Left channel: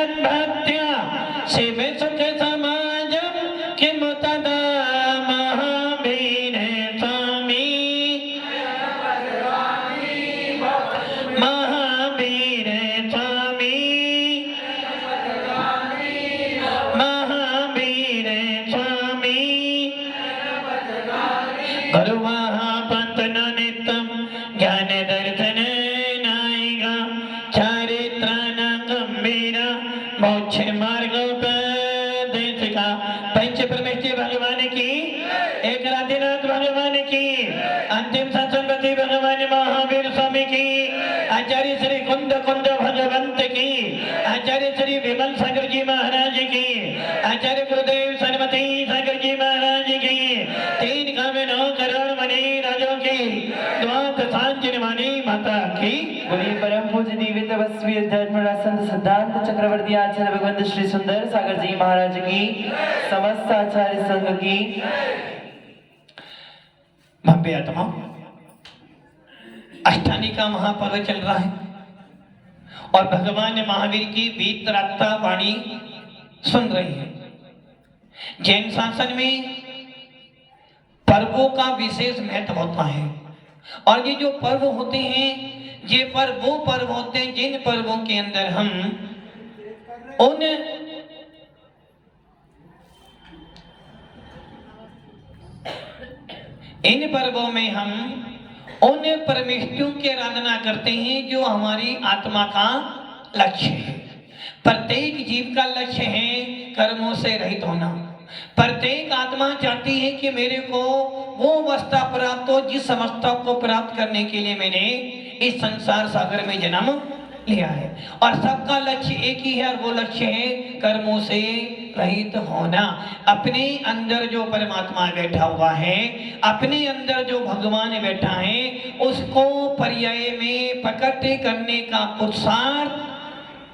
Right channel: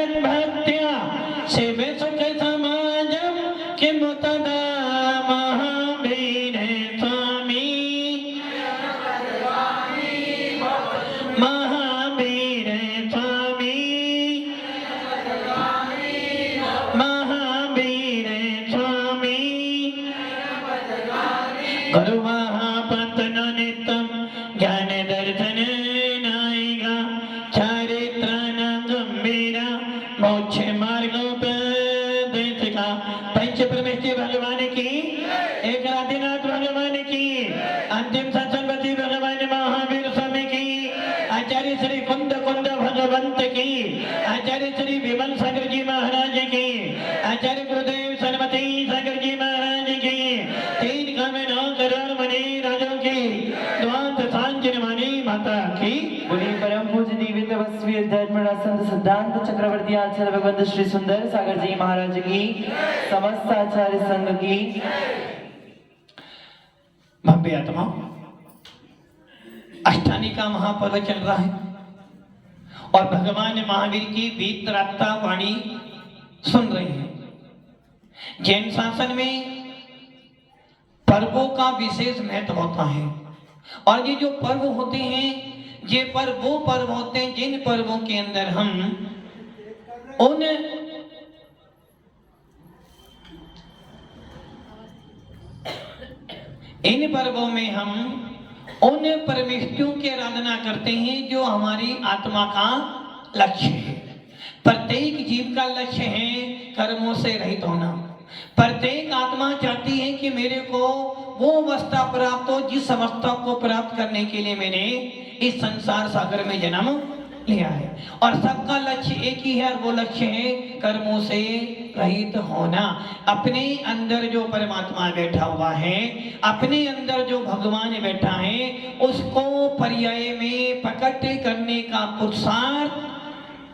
भक्त्या शिव सुख समाजम किम तदा महावीर स्वामी महावीर स्वामी महावीर स्वामी गुरु महापंतन नित्यम ज्ञान दर्शन नायिका चारित्राण गंभीर मोक्ष मार्गोपदेशिका पंच परमेश्वर भगवान की एक राधिनाथ भगवान की अंतिम सत्संगति भगवान महावीर स्वामी की आचार्य श्री कुंद कुंद भगवंत की आचार्य श्री विमल सागर जी महाराज की आचार्य गुरुदेव सरस्वती सागर जी महाराज की 3 करोड़ 9 करोड़ मणि राजों की द्वात सांजन वाणी माता की परम पूज्य दिव्य तपस्वी धर्मराज संत सिद्धांत चक्रवर्ती आचार्य भगवंत श्री सुंदर सागर जी महाराज की समस्त आचार्य संघ की भव्य आत्मा अष्टानी का महापर्व चल रहा है और भगवान महावीर की वीतरागता वाणी सुन रहे हैं। जैन शासन में पर्वों का विशेष महत्व होता है और ये जो पर्व होते हैं ये पर्व वो पर्व होते हैं जिन पर्वों के अंदर हम उन इन पर्वों में हम उन परमेष्ठियों की आराधना करते हैं जो हमारी आत्मा का लक्ष्य है। प्रत्येक जीव का लक्ष्य है कर्मों से रहित होना। प्रत्येक आत्मा चाहती है कि मेरे को वो अवस्था प्राप्त हो जिस अवस्था को प्राप्त करने के लिए मैंने इस संसार सागर में जन्म लिया है और सबका लक्ष्य एक ही है और वो लक्ष्य है कर्मों से रहित होना। अपने अंदर जो परमात्मा बैठा हुआ है, अपने अंदर जो भगवान बैठा है, उसको पर्याय में प्रकट करने का पुरुषार्थ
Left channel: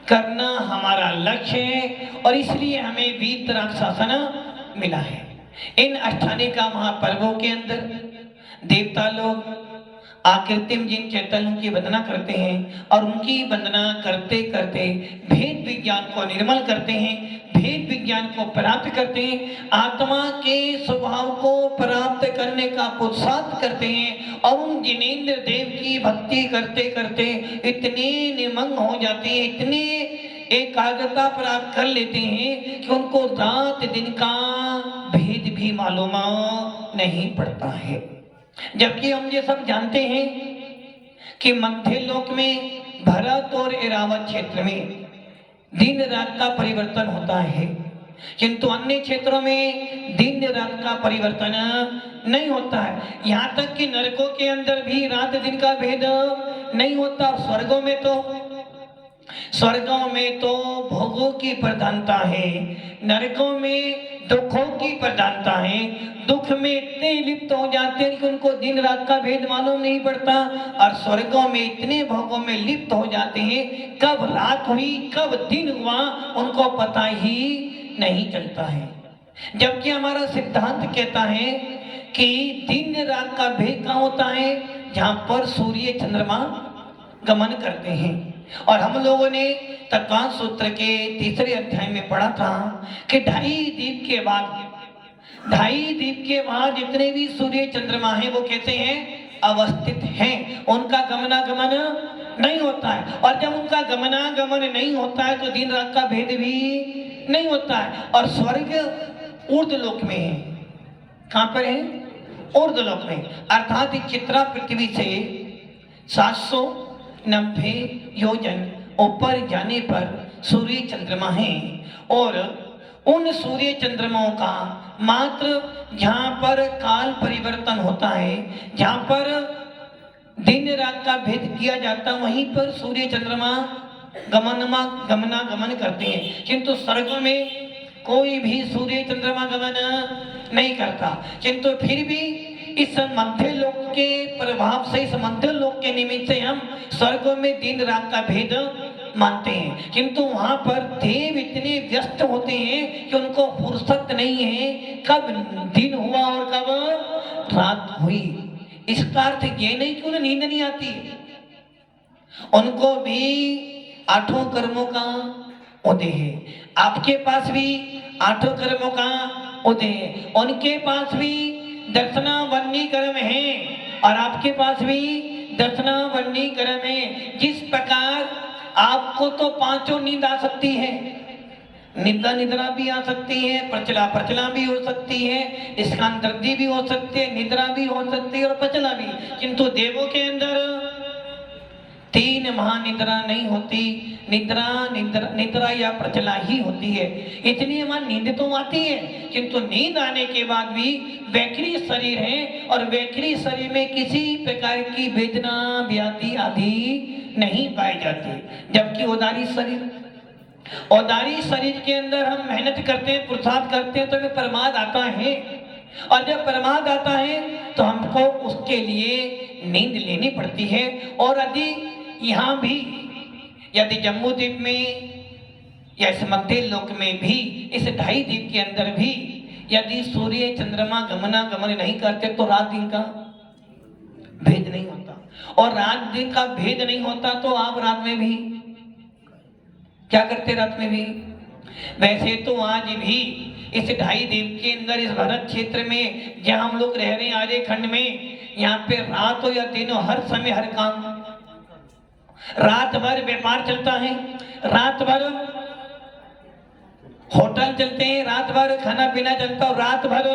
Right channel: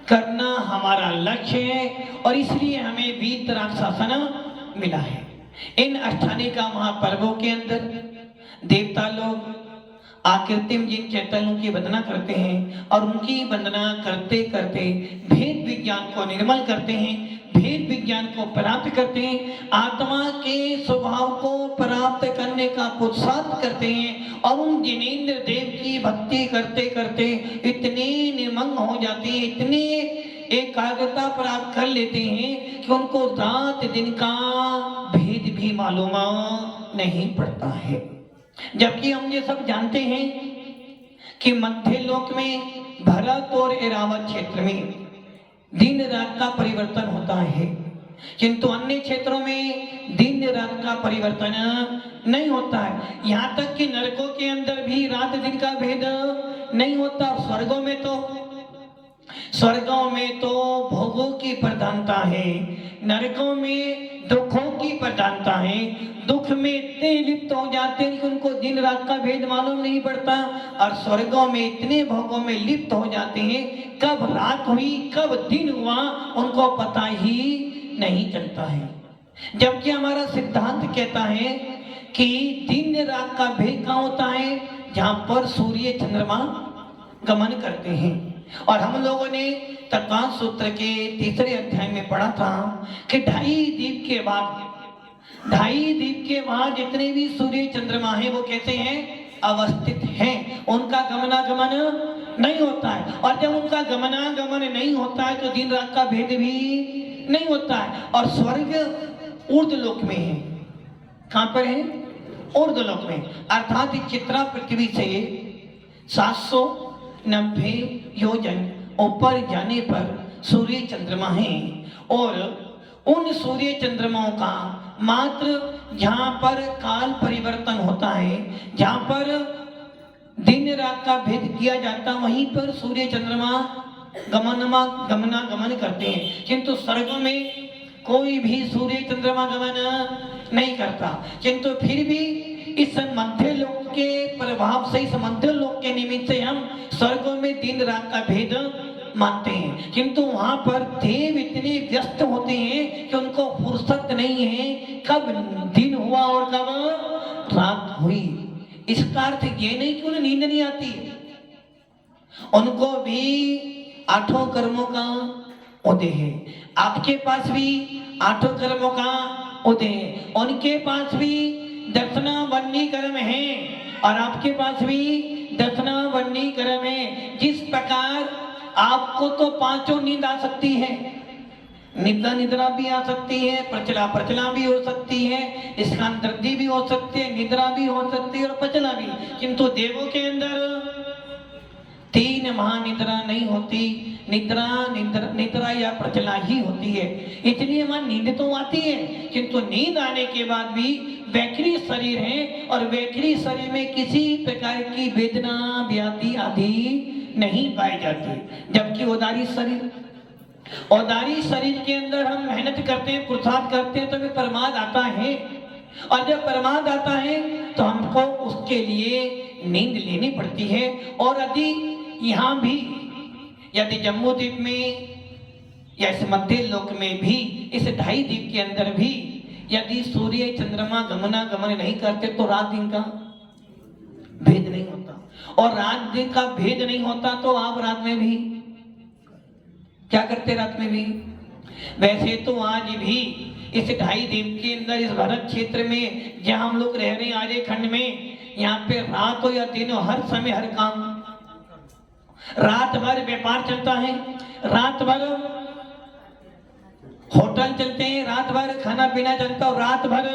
करना हमारा लक्ष्य है और इसलिए हमें वीतराग शासन मिला है। इन अष्टानी का महापर्वों के अंदर देवता लोग आकृतिम जिन चैतन्यों की वंदना करते हैं और उनकी वंदना करते करते भेद विज्ञान को निर्मल करते हैं, भेद विज्ञान को प्राप्त करते हैं, आत्मा के स्वभाव को प्राप्त करने का पुरुषार्थ करते हैं और उन जिनेंद्र देव की भक्ति करते करते इतने निमग्न हो जाते हैं, इतने एकाग्रता प्राप्त कर लेते हैं कि उनको रात दिन का भेद भी मालूम नहीं पड़ता है। जबकि हम ये सब जानते हैं कि मध्य लोक में भरत और एरावत क्षेत्र में दिन रात का परिवर्तन होता है, किंतु अन्य क्षेत्रों में दिन रात का परिवर्तन नहीं होता है। यहाँ तक कि नरकों के अंदर भी रात दिन का भेद नहीं होता। स्वर्गों में तो भोगों की प्रधानता है, नरकों में दुखों की प्रधानता है। दुख में इतने लिप्त हो जाते हैं कि उनको दिन रात का भेद मालूम नहीं पड़ता और स्वर्गों में इतने भोगों में लिप्त हो जाते हैं, कब रात हुई कब दिन हुआ उनको पता ही नहीं चलता है। जबकि हमारा सिद्धांत कहता है कि दिन रात का भेद कहाँ होता है, जहाँ पर सूर्य चंद्रमा गमन करते हैं। और हम लोगों ने तत्वांश सूत्र के 3रे अध्याय में पढ़ा था कि 2.5 दीप के बाद जितने भी सूर्य चंद्रमा हैं वो कैसे हैं, अवस्थित हैं, उनका गमनागमन नहीं होता है। और जब उनका गमनागमन नहीं होता है तो दिन रात का भेद भी नहीं होता है। और स्वर्ग ऊर्ध्वलोक में है। कहाँ पर है, ऊर्ध्वलोक में, अर्थात चित्रा पृथ्वी से 790 योजन ऊपर जाने पर सूर्य चंद्रमा है और उन सूर्य चंद्रमाओं का मात्र जहाँ पर काल परिवर्तन होता है, जहाँ पर दिन रात का भेद किया जाता है, वहीं पर सूर्य चंद्रमा गमनागमन करते हैं। किंतु स्वर्ग में कोई भी सूर्य चंद्रमा गमन नहीं करता। किंतु फिर भी इस मध्य लोक के प्रभाव से, इस मध्य लोक के निमित्त से हम स्वर्गों में दिन रात का भेद मानते हैं। किंतु वहां पर देव इतने व्यस्त होते हैं कि उनको फुर्सत नहीं है कब दिन हुआ और कब रात हुई। इसका अर्थ ये नहीं कि उन्हें नींद नहीं आती, उनको भी 8 कर्मों का उदय है, आपके पास भी आठों कर्मों का उदय है, उनके पास भी दर्शना वन्नी कर्म है और आपके पास भी दर्शना वन्नी कर्म है। जिस प्रकार आपको तो पांचों नींद आ सकती है, निद्रा निद्रा भी आ सकती है, प्रचला प्रचला भी हो सकती है, स्कांतर्दी भी हो सकती है, निद्रा भी हो सकती है और प्रचला भी, किंतु देवों के अंदर तीन महानिद्रा नहीं होती, निद्रा या प्रचला ही होती है। इसलिए वहां नींद तो आती है, किंतु नींद आने के बाद भी वैखरी शरीर है और वैखरी शरीर में किसी प्रकार की वेदना व्याधि आदि नहीं पाई जाती। जबकि औदारी शरीर के अंदर हम मेहनत करते हैं, पुरुषार्थ करते हैं, तो हमें प्रमाद आता है और जब प्रमाद आता है तो हमको उसके लिए नींद लेनी पड़ती है। और यदि यहाँ भी, यदि जम्मू द्वीप में या इस मध्य लोक में भी, इस ढाई द्वीप के अंदर भी यदि सूर्य चंद्रमा गमनागमन नहीं करते तो रात दिन का भेद नहीं होता, और रात दिन का भेद नहीं होता तो आप रात में भी क्या करते, रात में भी। वैसे तो आज भी इस ढाई द्वीप के अंदर, इस भारत क्षेत्र में जहां हम लोग रह रहे हैं आर्य खंड में, यहाँ पे रात हो या दिन हो, हर समय हर काम, रात भर व्यापार चलता है, रात भर होटल चलते हैं, रात भर खाना पीना चलता है, रात भर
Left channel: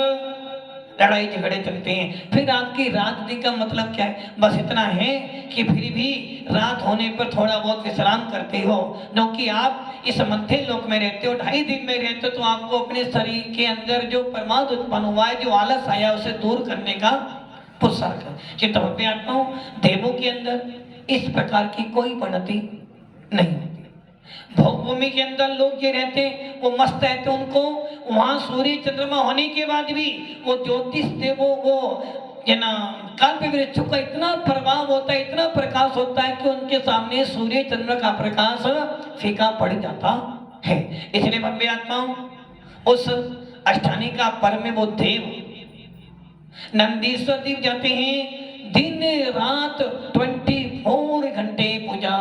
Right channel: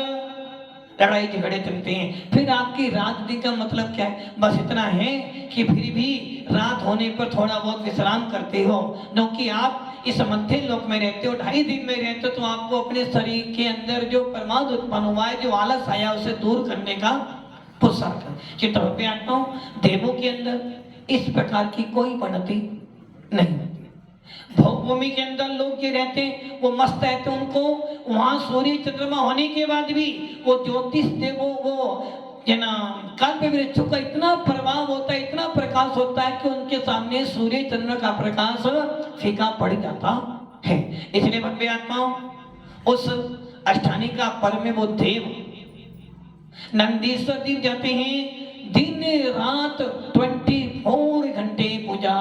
लड़ाई झगड़े चलते हैं। फिर आपकी रात दिन का मतलब क्या है? बस इतना है कि फिर भी रात होने पर थोड़ा बहुत विश्राम करते हो, क्योंकि आप इस मध्य लोक में रहते हो, ढाई दिन में रहते हो, तो आपको अपने शरीर के अंदर जो प्रमाद उत्पन्न हुआ है, जो आलस आया, उसे दूर करने का पुरुषार्थ। चित्रपति आता हूँ, देवों के अंदर इस प्रकार की कोई परिणति नहीं होती। भूमि के अंदर लोग जो रहते वो मस्त रहते, उनको वहां सूर्य चंद्रमा होने के बाद भी वो ज्योतिष देवों वो कल्प वृक्षों का इतना प्रभाव होता है, इतना प्रकाश होता है कि उनके सामने सूर्य चंद्र का प्रकाश फीका पड़ जाता है। इसलिए भव्य आत्माओं, उस अष्टानी का पर्व में वो देव नंदीश्वर देव जाते हैं, दिन रात 24 घंटे पूजा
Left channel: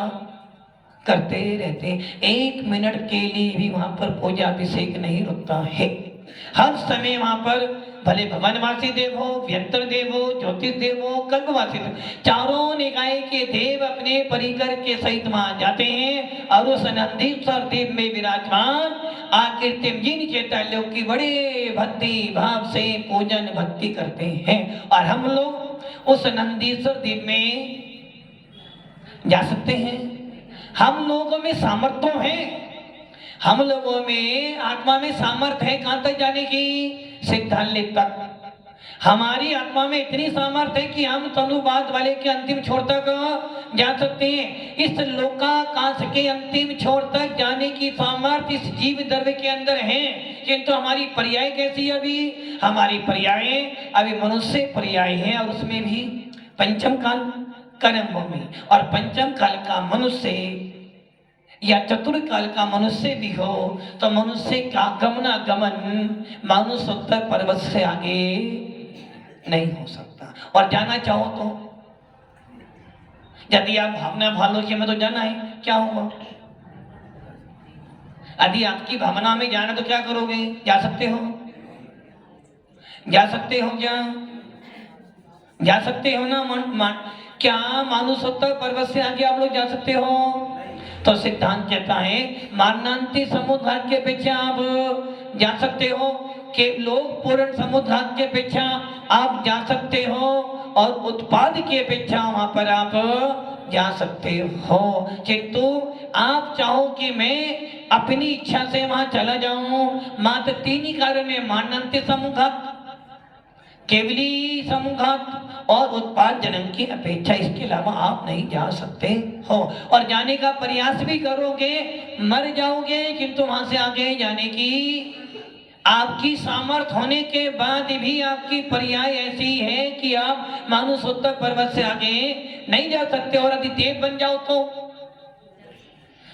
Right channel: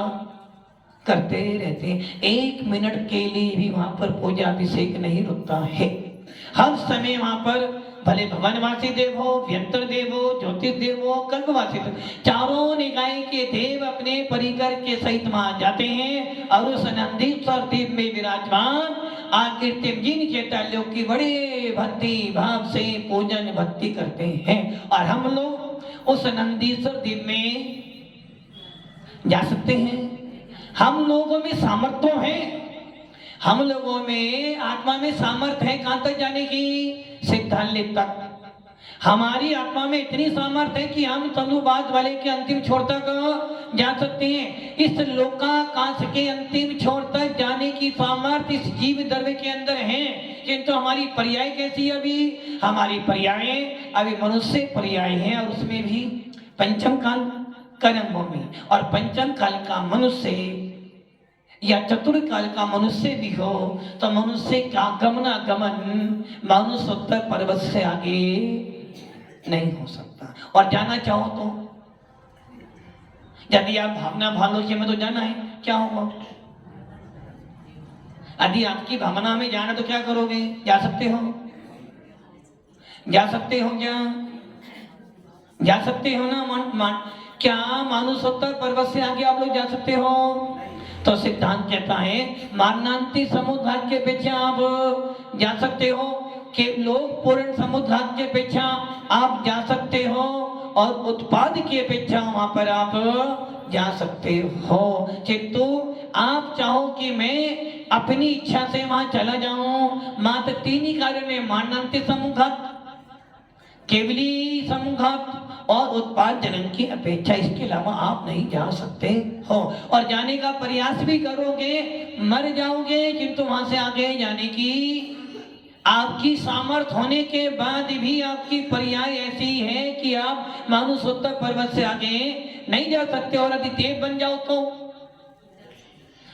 करते रहते हैं, 1 मिनट के लिए भी वहां पर पूजा अभिषेक नहीं रुकता है। हर समय वहां पर भले भवनवासी देव हो, व्यंतर देव हो, ज्योतिष देव हो, कल्पवासी देव, चारों निकाय के देव अपने परिकर के सहित वहां जाते हैं और उस नंदीश्वर देव में विराजमान आकृतिम जिन चैतन्यों की बड़े भक्ति भाव से पूजन भक्ति करते हैं। और हम लोग उस नंदीश्वर देव में जा सकते हैं। हम लोगों में सामर्थ्य है, हम लोगों में आत्मा में सामर्थ्य है कहां तक जाने की? सिद्धांत तक। हमारी आत्मा में इतनी सामर्थ्य है कि हम तनुवाद वाले के अंतिम छोर तक जा सकते हैं। इस लोकाकाश के अंतिम छोर तक जाने की सामर्थ्य इस जीव द्रव्य के अंदर है, किंतु हमारी पर्याय कैसी है? अभी हमारी पर्याय अभी मनुष्य पर्याय है, और उसमें भी पंचम काल कर्म भूमि, और पंचम काल का मनुष्य या चतुर्थ काल का मनुष्य भी हो तो मनुष्य का गमनागमन मानुषोत्तर पर्वत से आगे नहीं हो सकता। और जाना चाहो तो यदि आप भावना भालोची में तो जाना है, क्या होगा? यदि आपकी भावना में जाना तो क्या करोगे? जा सकते हो? जा सकते हो क्या? जा सकते हो ना? क्या मानुषोत्तर पर्वत से आगे आप लोग जा सकते हो? तो सिद्धांत कहता है मारणांती समुद्रात के पीछे आप जा सकते हो, कि लोग पूर्ण समुद्रात के पीछे आप जा सकते हो, और उत्पाद के अपेक्षा वहां पर आप जा सकते हो। किंतु आप चाहो कि मैं अपनी इच्छा से वहां चला जाऊं, मात्र 3 ही कारण है, मारणांती समुद्रात, केवली समुद्रात और उत्पाद जन्म की अपेक्षा, इसके अलावा आप नहीं जा सकते हो। और जाने का प्रयास भी करोगे मर जाओगे, किंतु वहां से आगे जाने की आपकी सामर्थ्य होने के बाद भी आपकी पर्याय ऐसी है कि आप मानुषोत्तर पर्वत से आगे नहीं जा सकते। और यदि देव बन जाओ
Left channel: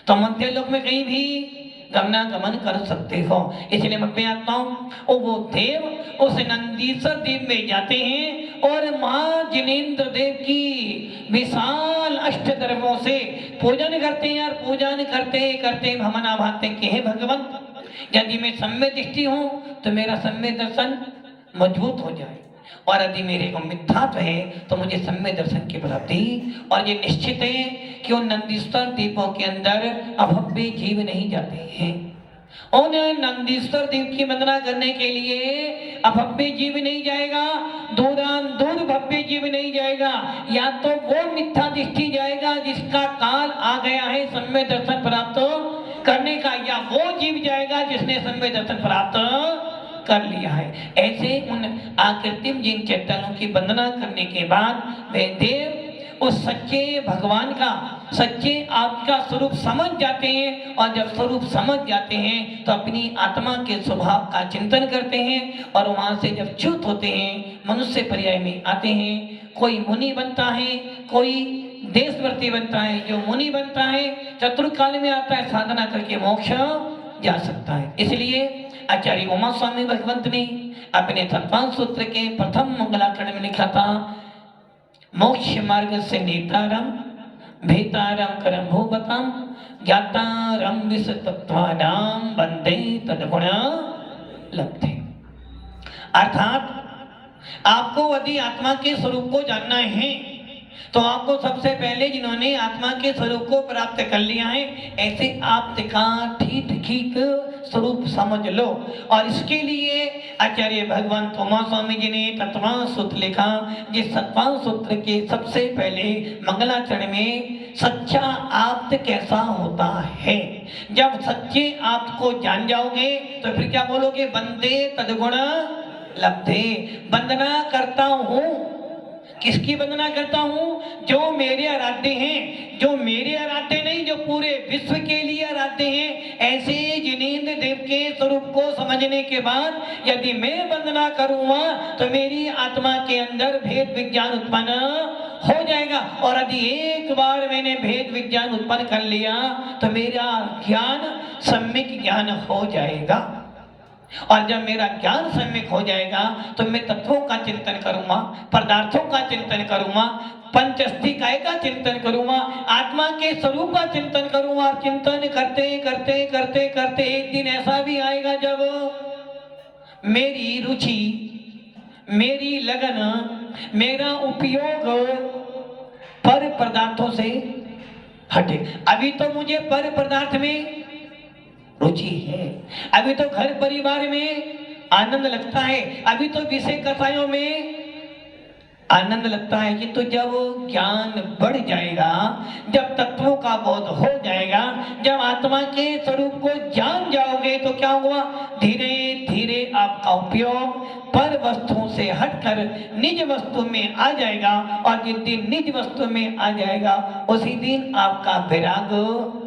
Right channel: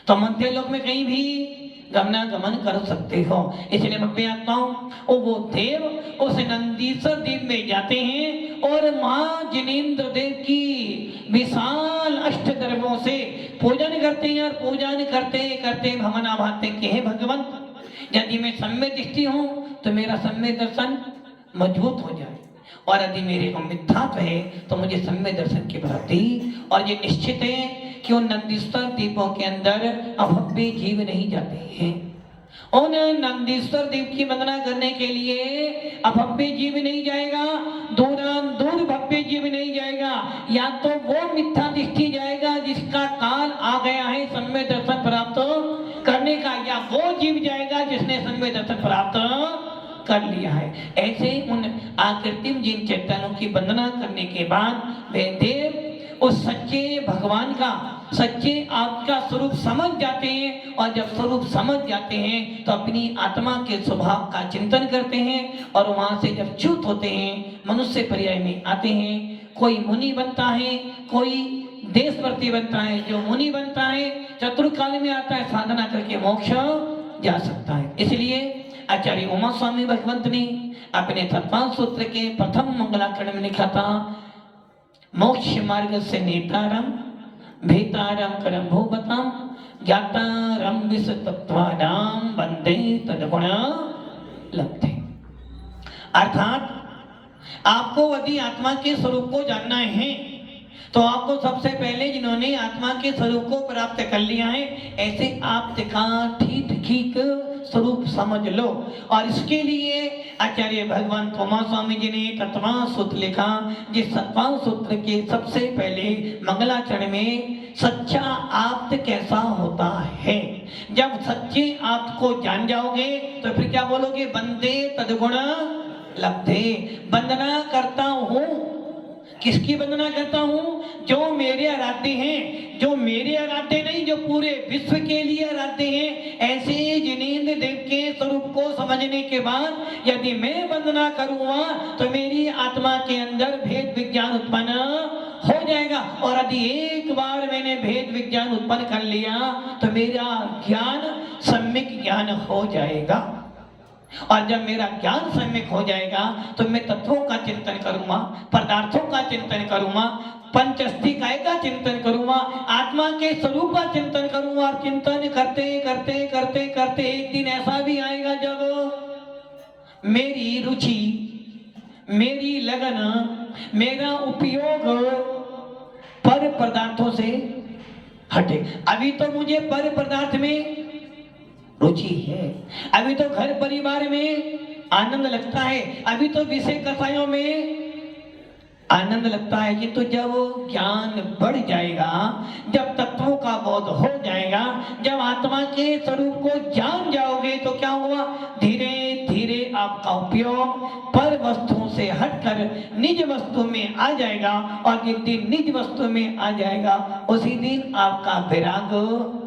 तो मध्य लोक में कहीं भी गमनागमन कर सकते हो। इसलिए मैं आत्माओं, वो देव उस नंदीश्वर देव में जाते हैं और मां जिनेंद्र देव की विशाल अष्ट दर्भों से पूजन करते हैं। और पूजन करते करते भावना भाते कि हे भगवंत, यदि मैं सम्य दृष्टि हूं तो मेरा सम्य दर्शन मजबूत हो जाए, और यदि मेरे को मिथ्यात्व है तो मुझे सम्य दर्शन की प्राप्ति। और ये निश्चित है कि उन नंदीश्वर द्वीपों के अंदर अभव्य जीव नहीं जाते हैं। उन नंदीश्वर द्वीप की वंदना करने के लिए अभव्य जीव नहीं जाएगा, दूर भव्य जीव नहीं जाएगा। या तो वो मिथ्या दृष्टि जाएगा जिसका काल आ गया है सम्य दर्शन प्राप्त करने का, या वो जीव जाएगा जिसने सम्य दर्शन प्राप्त कर लिया है। ऐसे उन आकृतिम जिन चैतन्यों की वंदना करने के बाद वे देव उस सच्चे भगवान का, सच्चे आपका स्वरूप समझ जाते हैं। और जब स्वरूप समझ जाते हैं तो अपनी आत्मा के स्वभाव का चिंतन करते हैं, और वहां से जब च्युत होते हैं मनुष्य पर्याय में आते हैं। कोई मुनि बनता है, कोई देशवर्ती बनता है। जो मुनि बनता है चतुर्काल में आता है, साधना करके मोक्ष जा सकता है। इसलिए आचार्य उमा स्वामी भगवंत ने अपने तत्वांश सूत्र के प्रथम मंगलाचरण में लिखा था, मोक्ष मार्ग से नेतारम भेतारम करम भूपतम ज्ञातारम विष तत्वानाम वंदे तद्गुण लब्धे। अर्थात आपको यदि आत्मा के स्वरूप को जानना है तो आपको सबसे पहले जिन्होंने आत्मा के स्वरूप को प्राप्त कर लिया है, ऐसे आप का ठीक स्वरूप समझ लो। और इसके लिए आचार्य भगवान उमा स्वामी जी ने तत्वांश सूत्र लिखा, जिस तत्वांश सूत्र के सबसे पहले मंगलाचरण में सच्चा आप्त कैसा होता है। जब सच्चे आप को जान जाओगे तो फिर क्या बोलोगे, वंदे तद्गुण लब्धे। वंदना करता हूँ, किसकी वंदना करता हूँ? जो मेरे आराध्य हैं, जो मेरे आराध्य नहीं, जो पूरे विश्व के लिए आराध्य हैं। ऐसे जिनेंद्र देव के स्वरूप को समझने के बाद यदि मैं वंदना करूंगा तो मेरी आत्मा के अंदर भेद विज्ञान उत्पन्न हो जाएगा। और यदि एक बार मैंने भेद विज्ञान उत्पन्न कर लिया तो मेरा ज्ञान सम्यक ज्ञान हो जाएगा। और जब मेरा ज्ञान सम्यक हो जाएगा तो मैं तत्वों का चिंतन करूंगा, पदार्थों का चिंतन करूंगा, पंचस्थिकाय का चिंतन करूंगा, आत्मा के स्वरूप का चिंतन करूंगा। और चिंतन करते करते करते करते एक दिन ऐसा भी आएगा जब मेरी रुचि, मेरी लगन, मेरा उपयोग पर पदार्थों से हटे। अभी तो मुझे पर पदार्थ में रुचि है, अभी तो घर परिवार में आनंद लगता है, अभी तो विषय कथाओं में आनंद लगता है। कि तो जब ज्ञान बढ़ जाएगा, जब तत्वों का बोध हो जाएगा, जब आत्मा के स्वरूप को जान जाओगे तो क्या होगा, धीरे धीरे आपका उपयोग पर वस्तुओं से हटकर निज वस्तु में आ जाएगा। और जिस दिन निज वस्तु में आ जाएगा उसी दिन आपका वैराग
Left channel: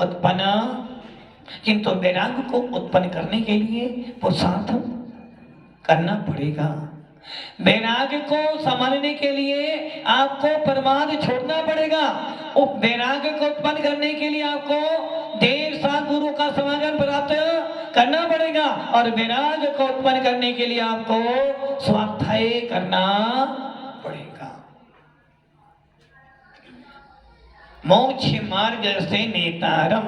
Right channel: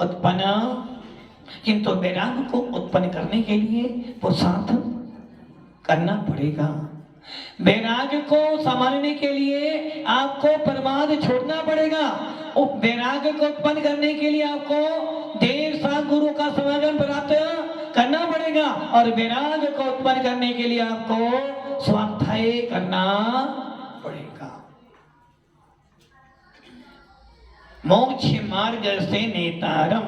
उत्पन्न। किंतु वैराग को उत्पन्न करने के लिए पुरुषार्थ करना पड़ेगा। वैराग को संभालने के लिए आपको प्रमाद छोड़ना पड़ेगा। वैराग को उत्पन्न करने के लिए आपको देर साथ गुरु का समागम प्राप्त करना पड़ेगा। और वैराग को उत्पन्न करने के लिए आपको स्वाध्याय करना पड़ेगा। मोक्ष मार्ग से नेतारम,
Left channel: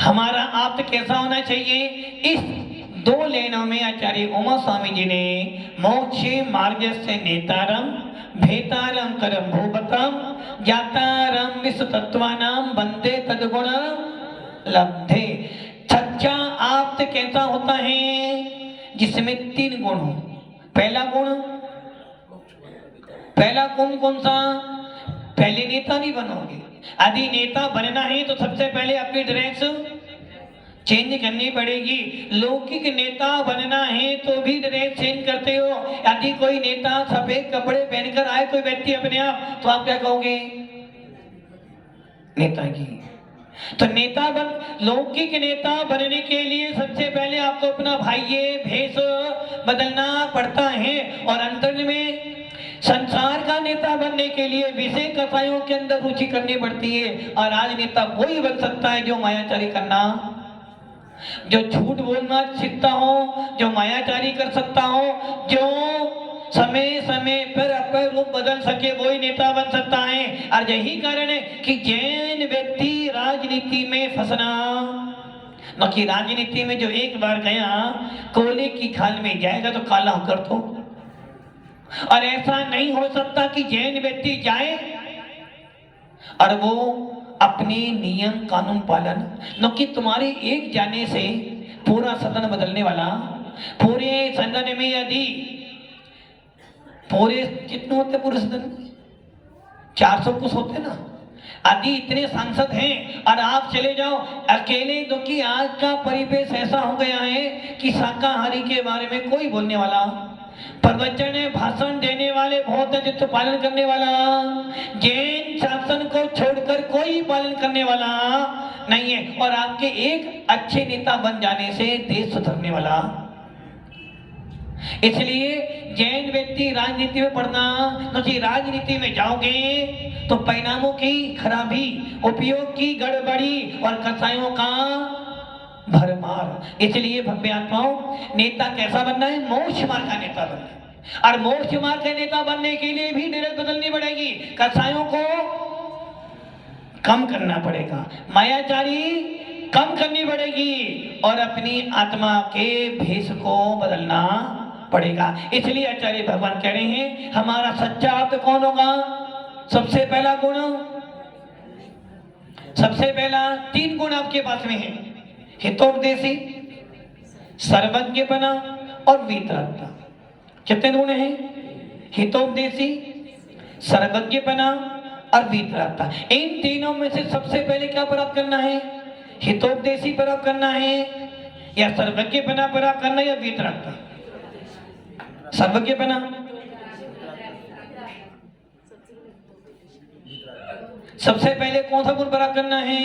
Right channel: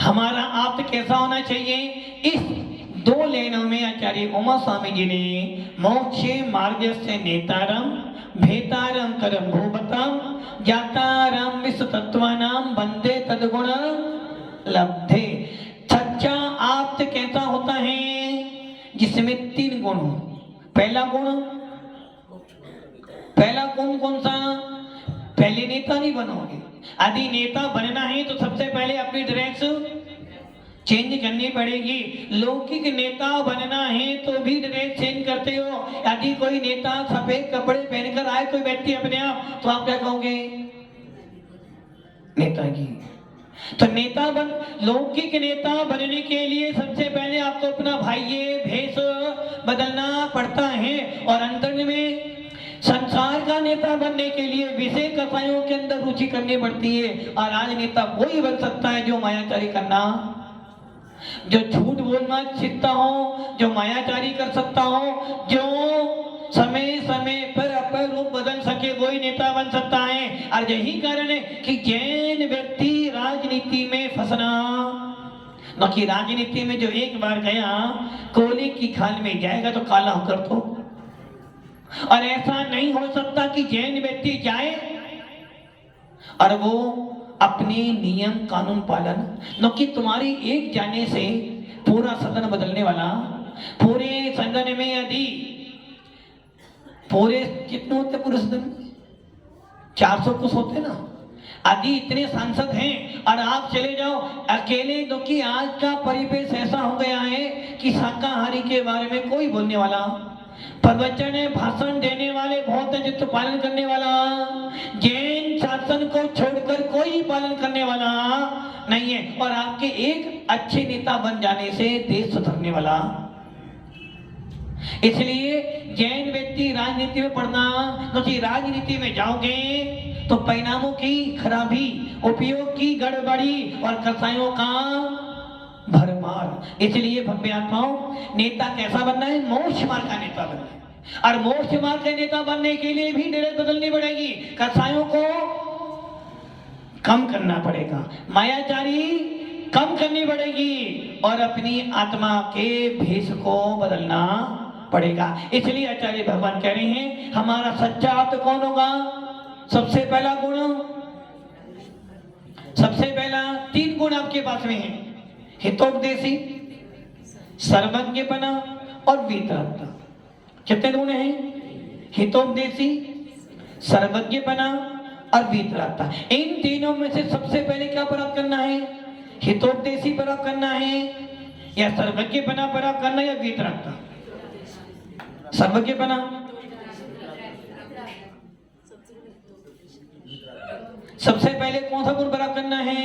हमारा आप कैसा होना चाहिए? इस दो लेनों में आचार्य उमा स्वामी जी ने मोक्ष मार्ग से नेतारम भेतारम करम भूपतम ज्ञातारम विश्व तत्वानाम वंदे तद्गुण लब्धे। सच्चा आप्त कैसा होता है? जिसमें 3 गुण हो। पहला गुण कौन सा? पहले नेता नहीं बनोगे। यदि नेता बनना है तो सबसे पहले अपनी ड्रेस चेंज करनी पड़ेगी। लौकिक नेता बनना है तो भी ड्रेस चेंज करते हो। यदि कोई नेता सफेद कपड़े पहनकर आए कोई व्यक्ति अपने आप, तो आप क्या कहोगे? नेताजी। तो नेता लौकिक नेता बनने के लिए सबसे पहले आपको अपना भाइये भेष बदलना पड़ता है। और अंतर में संसार का नेता बनने के लिए विषय कथाओं के अंदर रुचि करनी पड़ती है। और आज नेता वही बन सकता है जो मायाचारी करना, जो झूठ बोलना सीखता हो, जो मायाचारी कर सकता हो, जो समय समय पर अपना रूप बदल सके वही नेता बन सकता है। और यही कारण है कि जैन व्यक्ति राजनीति में फंसना, न कि राजनीति में जो एक बार गया कोयले की खाल में जाएगा तो काला होकर तो। और ऐसा नहीं हो सकता कि जैन व्यक्ति जाए और वो अपने नियम कानून पालन, न कि तुम्हारी एक जाने से पूरा सदन बदलने वाला। पूरे सदन में यदि पूरे कितने होते पूरे सदन 400 कुछ होते ना, आदि इतने सांसद हैं और आप चले जाओ अकेले, तो कि आज का परिवेश ऐसा हो गया है कि शाकाहारी के बारे में कोई बोलने वाला, प्रवचन भाषण देने वाले बहुत है, जिसको पालन करने वाला, जैन शासन को छोड़कर कोई पालन करने वाला नहीं है। और आपके एक अच्छे नेता बन जाने से देश सुधरने वाला। इसलिए जैन व्यक्ति राजनीति में पढ़ना, क्योंकि राजनीति में जाओगे तो परिणामों की खराबी, उपयोग की गड़बड़ी और कसाईयों का भरमार। इसलिए भव्य आत्माओं, नेता कैसा बनना है? मोक्ष मार्ग का नेता बनना है। और मोक्ष मार्ग का नेता बनने के लिए भी डेरक बदलनी पड़ेगी, कसाईयों को कम करना पड़ेगा, मायाचारी कम करनी पड़ेगी और अपनी आत्मा के भेष को बदलना पड़ेगा। इसलिए आचार्य भगवान कह रहे हैं हमारा सच्चा भक्त कौन होगा? सबसे पहला गुण, सबसे पहला 3 गुण आपके पास में है, हितोपदेशी, सर्वज्ञपना और वीतरागता। कितने गुण हैं? हितोपदेशी, सर्वज्ञपना और वीतरागता। इन तीनों में से सबसे पहले क्या प्राप्त करना है? हितोपदेशी प्राप्त करना है या सर्वज्ञपना प्राप्त करना है या वीतरागता? सर्वज्ञपना, सबसे पहले कौन सा गुण प्राप्त करना है?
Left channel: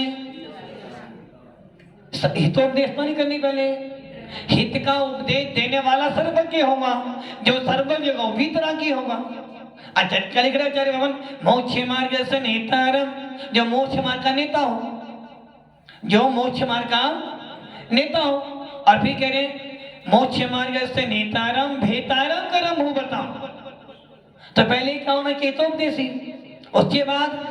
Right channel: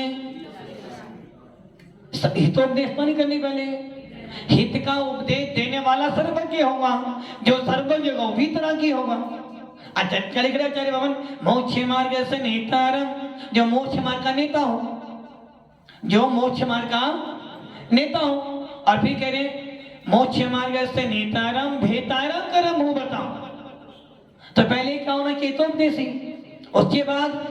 हितोपदेश तो नहीं करनी, पहले हित का उपदेश देने वाला सर्वज्ञ होगा, जो सर्वज्ञ होगा वीतरागी होगा। अच्छा आचार्य भगवान मोक्ष मार्ग से नेतारम, जो मोक्ष मार्ग का नेता हो, जो मोक्ष मार्ग का नेता हो। और फिर कह रहे मोक्ष मार्ग से नेतारम भेतारम करम हो, बताओ। तो पहले क्या होना चाहिए? हितोपदेशी, उसके बाद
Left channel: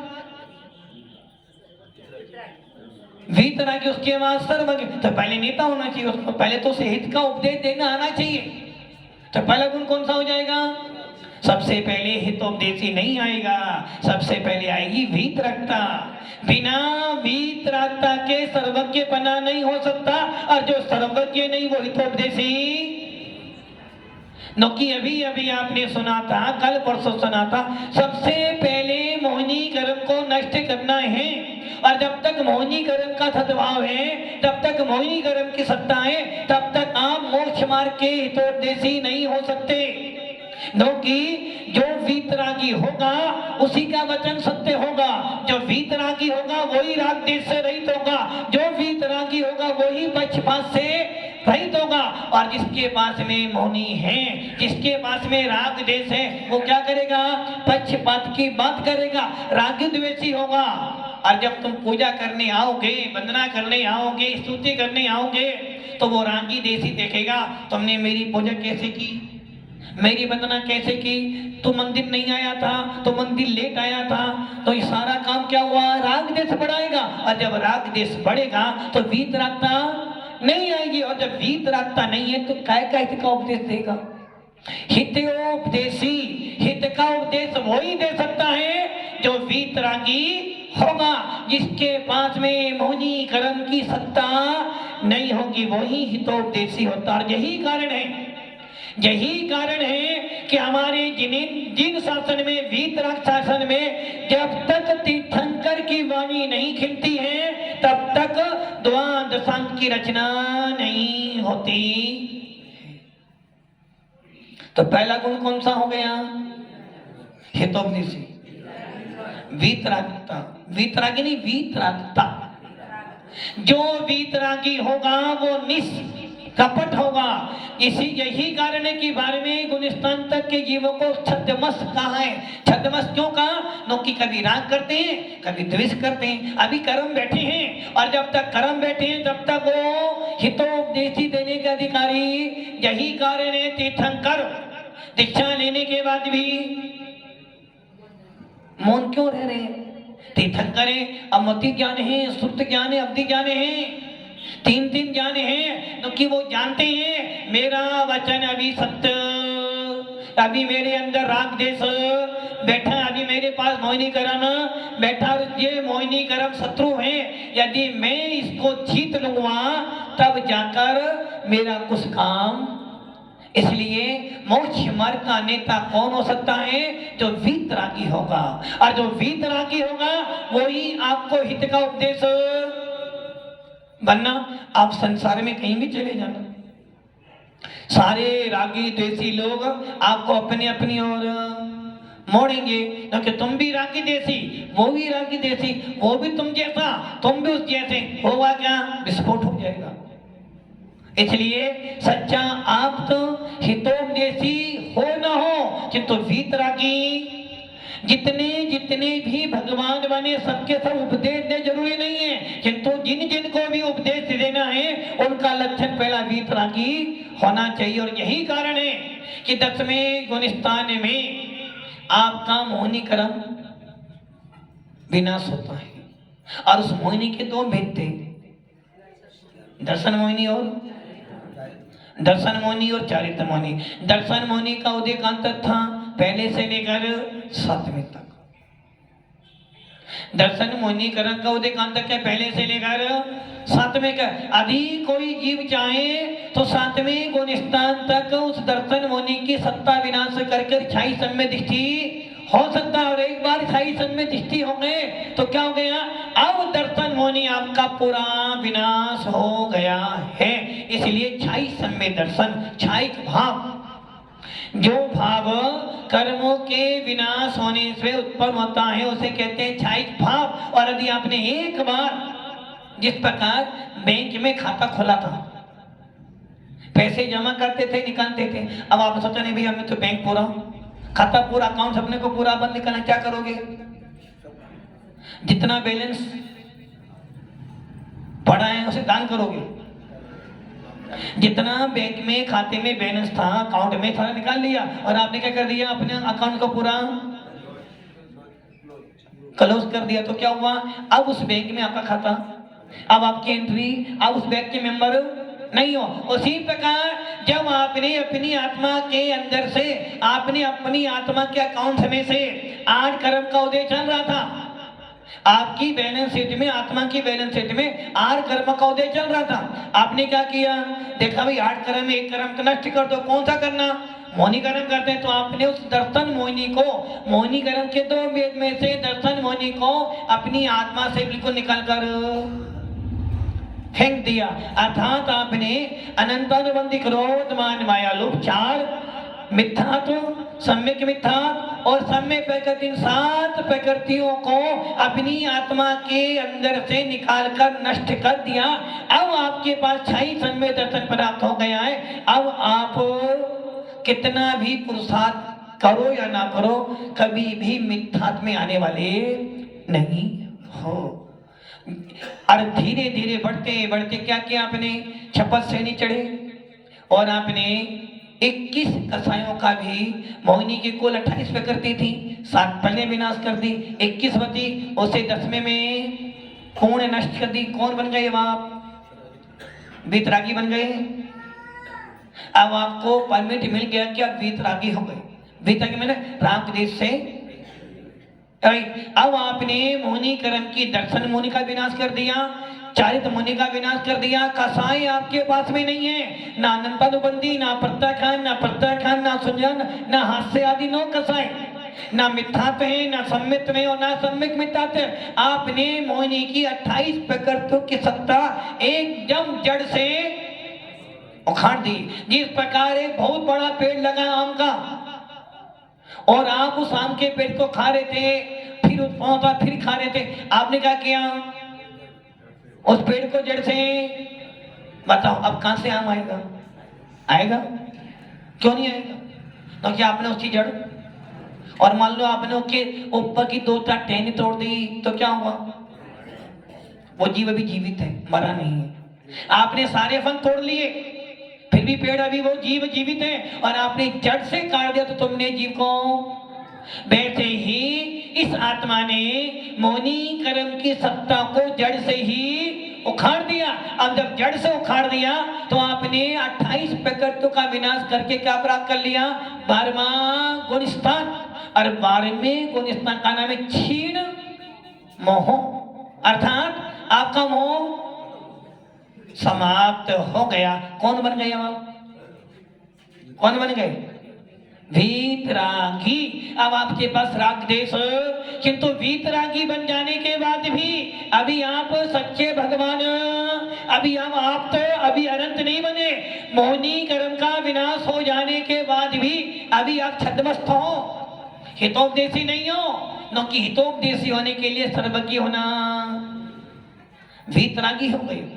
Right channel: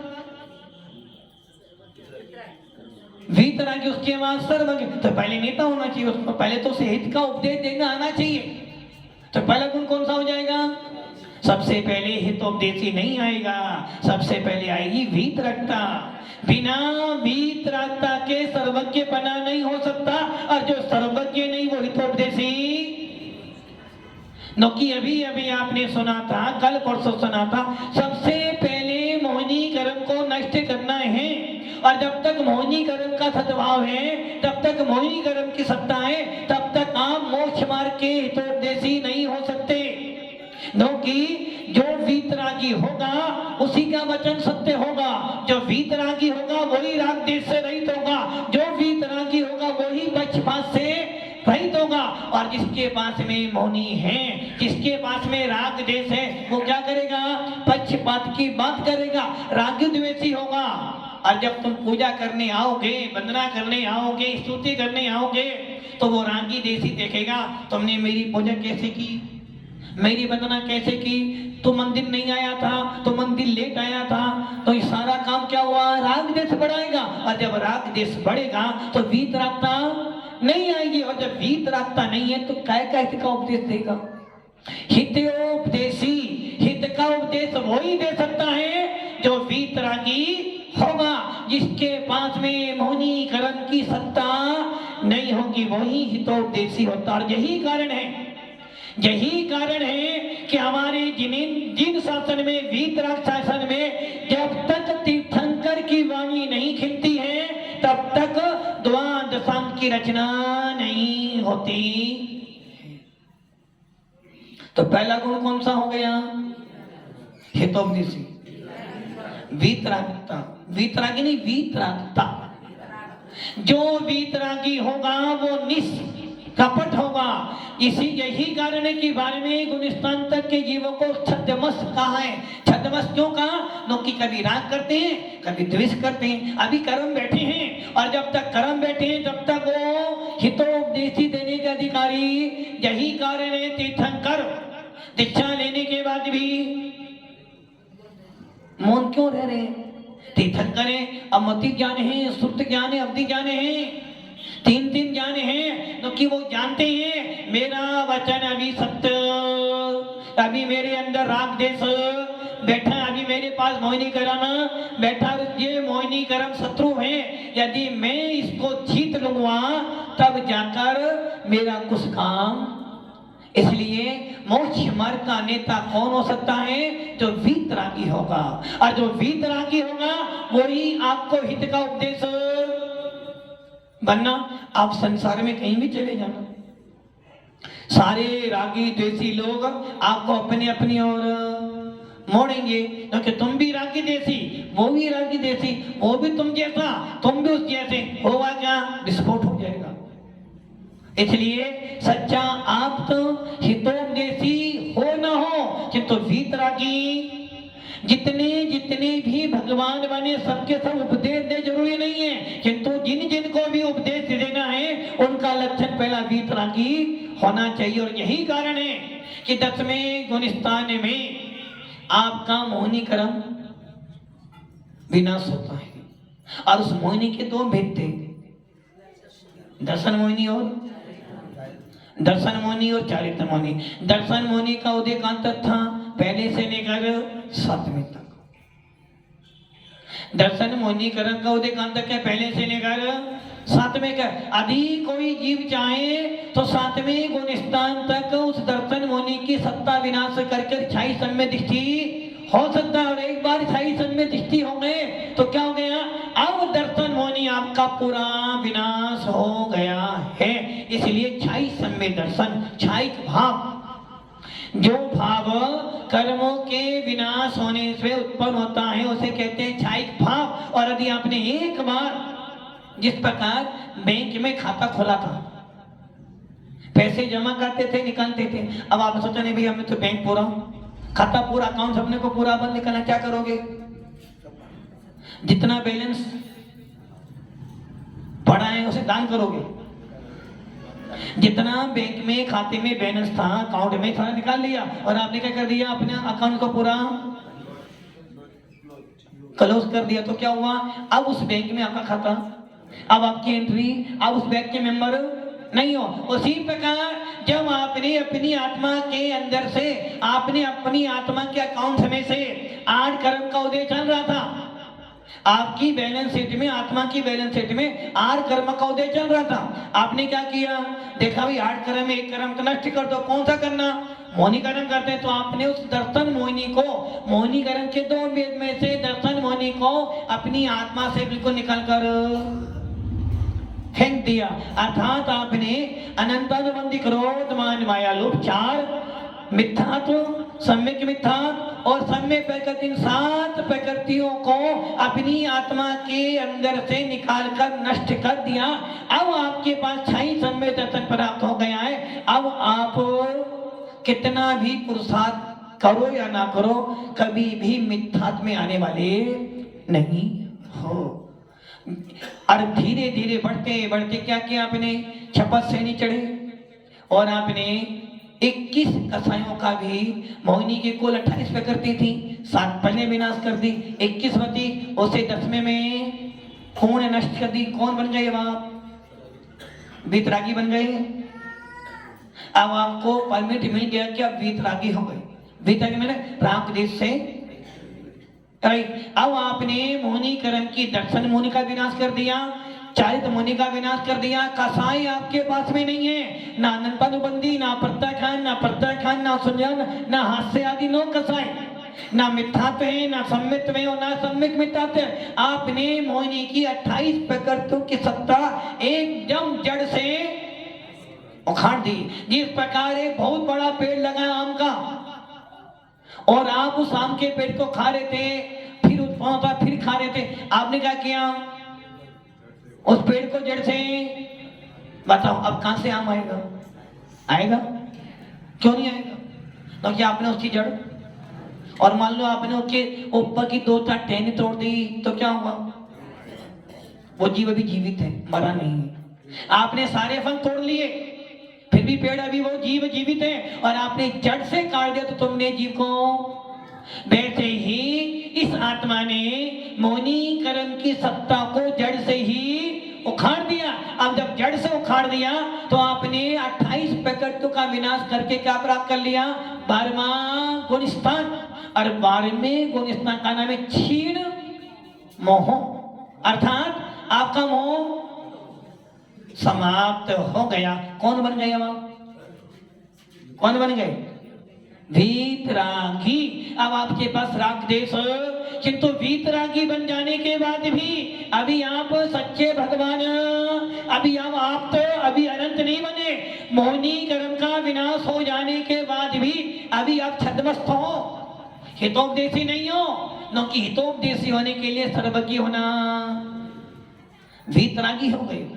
वीतरागी, उसके बाद सर्वज्ञ। तो पहले नेता होना चाहिए, उसको पहले तो उसे हित का उपदेश देना आना चाहिए। तो पहला गुण कौन सा हो जाएगा? सबसे पहले हितोपदेशी नहीं आएगा, सबसे पहले आएगी वीतरागता। बिना वीतरागता के सर्वज्ञपना नहीं हो सकता, और जो सर्वज्ञ नहीं वो हितोपदेशी। नौकी अभी अभी आपने सुना था, कल परसों सुना था, सबसे पहले मोहिनी कर्म को नष्ट करना है। और जब तक मोहिनी कर्म का सद्भाव है, तब तक मोहिनी कर्म की सत्ता है, तब तक आप मोक्ष मार्ग के हितोपदेशी नहीं हो सकते। क्योंकि जो वीतरागी होगा उसी का वचन सत्य होगा, जो वीतरागी होगा वही राग देश से रहित होगा, जो वीतरागी होगा वही पक्षपात से रहित होगा। और जिसके पास में मोहिनी है, जिसके पास में राग देश है, वो क्या करेगा? पक्षपात की बात करेगा, रागी द्वेषी होगा। और जब तुम पूजा करने आओगे, वंदना करने आओगे, स्तुति करने आओगे, तो वो रागी देशी देखेगा तुमने मेरी पूजा कैसे की, मेरी वंदना कैसे की, तो मंदिर नहीं आया था, तो मंदिर लेट आया था, तो ये सारा काम क्या हुआ? राग देश बढ़ाएगा। और जब राग देश बढ़ेगा तो वीतरागता नहीं आएगी, और जब वीतरागता नहीं है तो काय का हित का उपदेश देगा? हितोपदेशी, हित का उपदेश वही दे सकता है जो वीतरागी होगा, जिसके पास में मोहिनी कर्म की सत्ता नहीं होगी, वही हितोपदेशी होता। और यही कारण है कि हमारे जिन शासन में, वीतराग शासन में, जब तक तीर्थंकर की वाणी नहीं खिलती है तब तक द्वादशांग की रचना नहीं होती। तो पहला गुण कौन सा हो गया? हितोपदेशी। वीतरागता, वीतरागी नहीं, वीतरागता। जो वीतरागी होगा वो निष्कपट होगा। यही कारण है कि 12वें गुणस्थान तक के जीवों को छद्मस कहा है। छद्मस क्यों कहा? क्योंकि कभी राग करते हैं, कभी द्वेष करते हैं। अभी कर्म बैठे हैं, और जब तक कर्म बैठे हैं तब तक वो हितोपदेशी देने के अधिकारी। यही कारण है तीर्थंकर दीक्षा लेने मौन क्यों रह रहे हैं? तीर्थंकर हैं, अमति ज्ञान है, श्रुत ज्ञान है, अवधि ज्ञान है, तीन ज्ञान है, तो कि वो जानते हैं मेरा वचन अभी सत्य, अभी मेरे अंदर राग देश बैठा, अभी मेरे पास मोहिनी करम बैठा, ये मोहिनी करम शत्रु है, यदि मैं इसको जीत लूंगा तब जाकर मेरा कुछ काम। इसलिए मोक्ष मार्ग का नेता कौन हो सकता है? जो वीतरागी होगा, और जो वीतरागी होगा वही आपको हित का उपदेश बनना। आप संसार में कहीं भी चले जाना, सारे रागी द्वेषी लोग आपको अपनी अपनी ओर मोड़ेंगे, क्योंकि तुम भी रागी देसी, वो भी रागी देसी, वो भी तुम जैसा, तुम भी उस जैसे, होगा क्या? विस्फोट हो जाएगा। इसलिए सच्चा आप तो हितोपदेशी हो न हो, किंतु वीतरागी जितने जितने भी भगवान बने सबके सब उपदेश दे जरूरी नहीं है, किंतु जिन जिनको भी उपदेश देना है उनका लक्षण पहला वीतरागी होना चाहिए। और यही कारण है कि 10वें गुणस्थान में आपका मोहिनी कर्म विनाश होता है। और उस मोहिनी के दो भेद थे, दर्शन मोहिनी और चारित्र मोहिनी। दर्शन मोहिनी का उदयकांत था पहले से लेकर 7वें तक। दर्शन मोहिनी कर्म का उदयकांत है पहले से लेकर 7वें का। अभी कोई जीव चाहे तो 7वें गुणस्थान तक उस दर्शन मोहिनी की सत्ता विनाश करके छाई सम्य दृष्टि हो सकता है। और एक बार छाई सम्य दृष्टि हो गए तो क्या हो गया? अब दर्शन मोहिनी आपका पूरा विनाश हो गया है। इसलिए छाई सम्य दर्शन, छाइक भाव, जो भाव कर्मों के विनाश होने से उत्पन्न होता है उसे कहते हैं छाइक भाव। और यदि आपने एक बार, जिस प्रकार बैंक में खाता खोला था, पैसे जमा करते थे, निकालते थे, अब आप सोचा नहीं भैया हमें तो बैंक पूरा, खाता पूरा, अकाउंट अपने को पूरा बंद करना, क्या करोगे? जितना बैलेंस पड़ा है उसे दान करोगे। जितना बैंक में खाते में बैलेंस था, अकाउंट में सारा निकाल लिया, और आपने क्या कर दिया? अपने अकाउंट को पूरा क्लोज कर दिया। तो क्या हुआ? अब उस बैंक में आपका खाता, अब आपकी एंट्री, अब उस बैंक के मेंबर नहीं हो। उसी प्रकार जब आपने अपनी आत्मा के अंदर से, आपने अपनी आत्मा के अकाउंट में से 8 कर्म का उदय चल रहा था, आपकी बैलेंस शीट में, आत्मा की बैलेंस शीट में 8 कर्म का उदय चल रहा था। आपने क्या किया? देखा भाई 8 कर्म में 1 कर्म का नष्ट कर दो, कौन सा करना? मोहिनी कर्म करते हैं। तो आपने उस दर्शन मोहिनी को, मोहिनी कर्म के 2 वेद में से दर्शन मोहिनी को अपनी आत्मा से बिल्कुल निकाल कर फेंक दिया। अर्थात आपने अनंतानुबंधी क्रोध मान माया लोभ 4 मिथ्यात्व, सम्यक मिथ्यात्व और सम्यक प्रकृति, इन 7 प्रकृतियों को अपनी आत्मा के अंदर से निकालकर नष्ट कर दिया। अब आपके पास छाई सम्यक दर्शन प्राप्त हो गया है। अब आप कितना भी पुरुषार्थ करो या ना करो, कभी भी मिथ्यात्व में आने वाले नहीं हो। और धीरे धीरे बढ़ते बढ़ते क्या किया आपने? छपत श्रेणी चढ़े और आपने 21 कसायों का भी, मोहिनी की कुल 28 प्रकृति थी, 7 पहले विनाश कर दी, 21 बची, उसे 10वें में पूर्ण नष्ट कर दी। कौन बन गए? आप वीतरागी बन गए। अब आपको परमिट मिल गया कि आप वीतरागी हो गए। वीतरागी मैंने राग देश से। अब आपने मोहिनी कर्म की दर्शन मोहिनी का विनाश कर दिया, चारित मोहिनी का विनाश कर दिया। कसाई आपके पास में नहीं है, ना अनंतानुबंधी, ना प्रत्याख्यान, ना प्रत्याख्यान, ना सुजन, ना हास्य आदि, नो कसाई, ना मिथ्यात्व है, ना सम्मित में और ना सम्यक मिथ्यात्व। आपने मोहिनी की 28 प्रकृतियों की सत्ता एकदम जड़ से उखाड़ दी। जिस प्रकार एक बहुत बड़ा पेड़ लगा आम का, और आप उस आम के पेड़ को खा रहे थे, फिर उस फिर खा रहे थे, आपने क्या किया? उस पेड़ को जड़ से, बताओ अब कहां से आम आएगा? आएगा? क्यों नहीं आएगा? क्योंकि आपने उसकी जड़, और मान लो आपने उसके ऊपर की 2-4 टहनी तोड़ दी तो क्या होगा? वो जीव अभी जीवित है, मरा नहीं है। आपने सारे फल तोड़ लिए, फिर भी पेड़ अभी वो जीव जीवित है, और आपने जड़ से काट दिया तो तुमने जीव को। वैसे ही इस आत्मा ने मोहनी कर्म की सत्ता को जड़ से ही उखाड़ दिया। अब जब जड़ से उखाड़ दिया तो आपने 28 प्रकृति का विनाश करके क्या प्राप्त कर लिया? 12वां गुणस्थान। और 12वें गुणस्थान का नाम है क्षीण मोह, अर्थात आपका मोह समाप्त हो गया। कौन बन गया? कौन बन गए? वीतरागी। अब आपके पास राग देश, किंतु वीतरागी बन जाने के बाद भी अभी आप सच्चे भगवान, अभी आप तो अभी अनंत नहीं बने। मोहनी कर्म का विनाश हो जाने के बाद भी अभी आप छद्मस्त हो, हितोपदेशी नहीं हो। क्योंकि हितोपदेशी होने के लिए सर्वज्ञ होना, वीतरागी हो गए।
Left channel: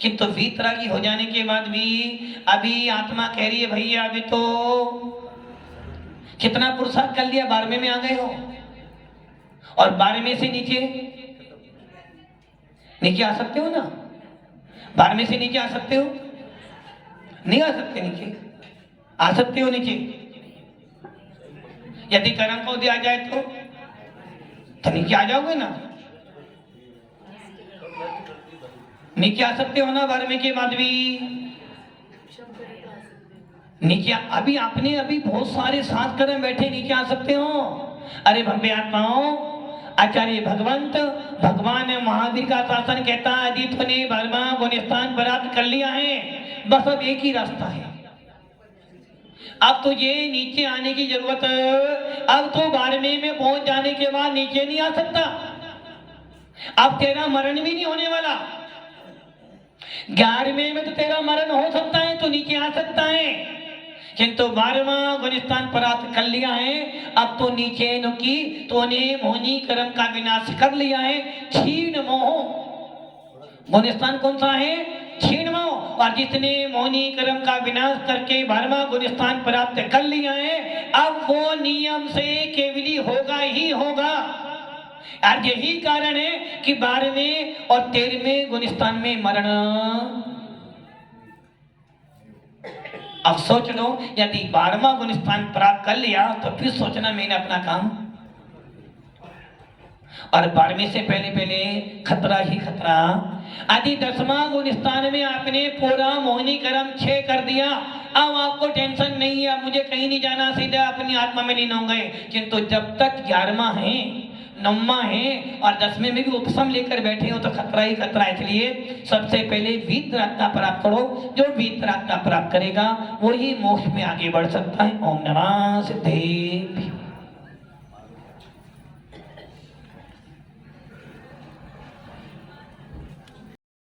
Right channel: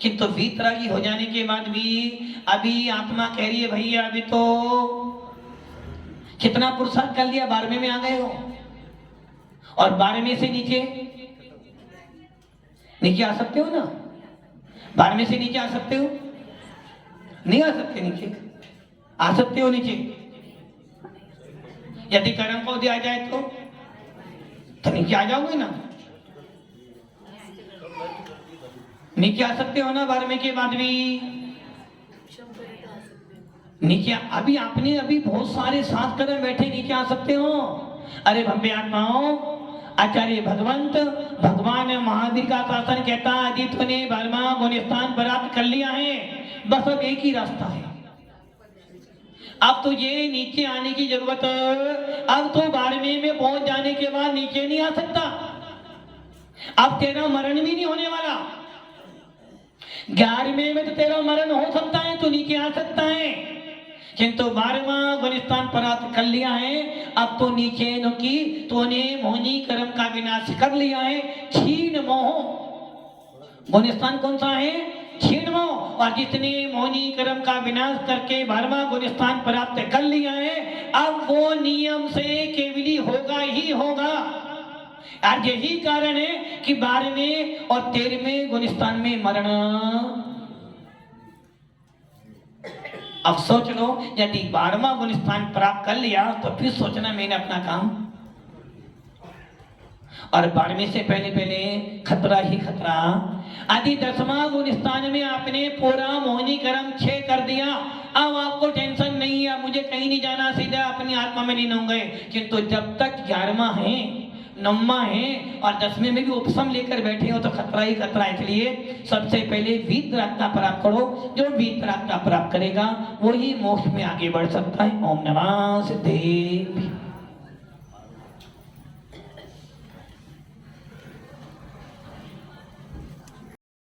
किंतु वीतरागी हो जाने के बाद भी अभी आत्मा कह रही है भैया अभी तो कितना पुरुषार्थ कर लिया, 12वें में आ गए हो। और 12वें से नीचे आ सकते हो ना? 12वें से नीचे आ सकते हो? नहीं आ सकते। नीचे आ सकते हो? नीचे यदि कर्म को दिया जाए तो नीचे आ जाओगे ना? नीचे आ सकते हो ना? 12वें के बाद भी नीचे अभी आपने अभी बहुत सारे 7 कदम बैठे, नीचे आ सकते हो। अरे भव्य आत्माओं, आचार्य भगवंत भगवान महावीर का शासन कहता है यदि तूने 12वां गुणस्थान प्राप्त कर लिया है, बस अब एक ही रास्ता है। अब तो ये नीचे आने की जरूरत, अब तो 12वें में पहुंच जाने के बाद नीचे नहीं आ सकता। अब तेरा मरण भी नहीं होने वाला। 11वें में तो तेरा मरण हो सकता है, तो नीचे आ सकता है। किंतु 12वां गुणस्थान प्राप्त कर लिया है, अब तो नीचे न की तूने मोहनी कर्म का विनाश कर लिया है। क्षीण मोह गुणस्थान कौन सा है? क्षीण मोह। और जितने मोहनी कर्म का विनाश करके 12वां गुणस्थान प्राप्त कर लिया है, अब वो नियम से केवली होगा ही होगा। और यही कारण है कि 12वें और 13वें गुणस्थान में मरण। अब सोच लो, यदि 12वां गुणस्थान प्राप्त कर लिया तो फिर सोचना मैंने अपना काम। और 12वें से पहले खतरा ही खतरा। यदि 10वां गुणस्थान में आपने पूरा मोहनी कर्म 6 कर दिया, अब आपको टेंशन नहीं है, मुझे कहीं नहीं जाना, सीधा अपनी आत्मा में लीन हो गए। किंतु जब तक 11वां है, 9वां है और 10वें में भी उपशम लेकर बैठे हो तो खतरा ही खतरा। इसलिए सबसे पहले वीतरागता प्राप्त करो। जो वीतरागता प्राप्त करेगा वही मोक्ष में आगे बढ़ सकता है। ओम नमः सिद्धेभ्यो।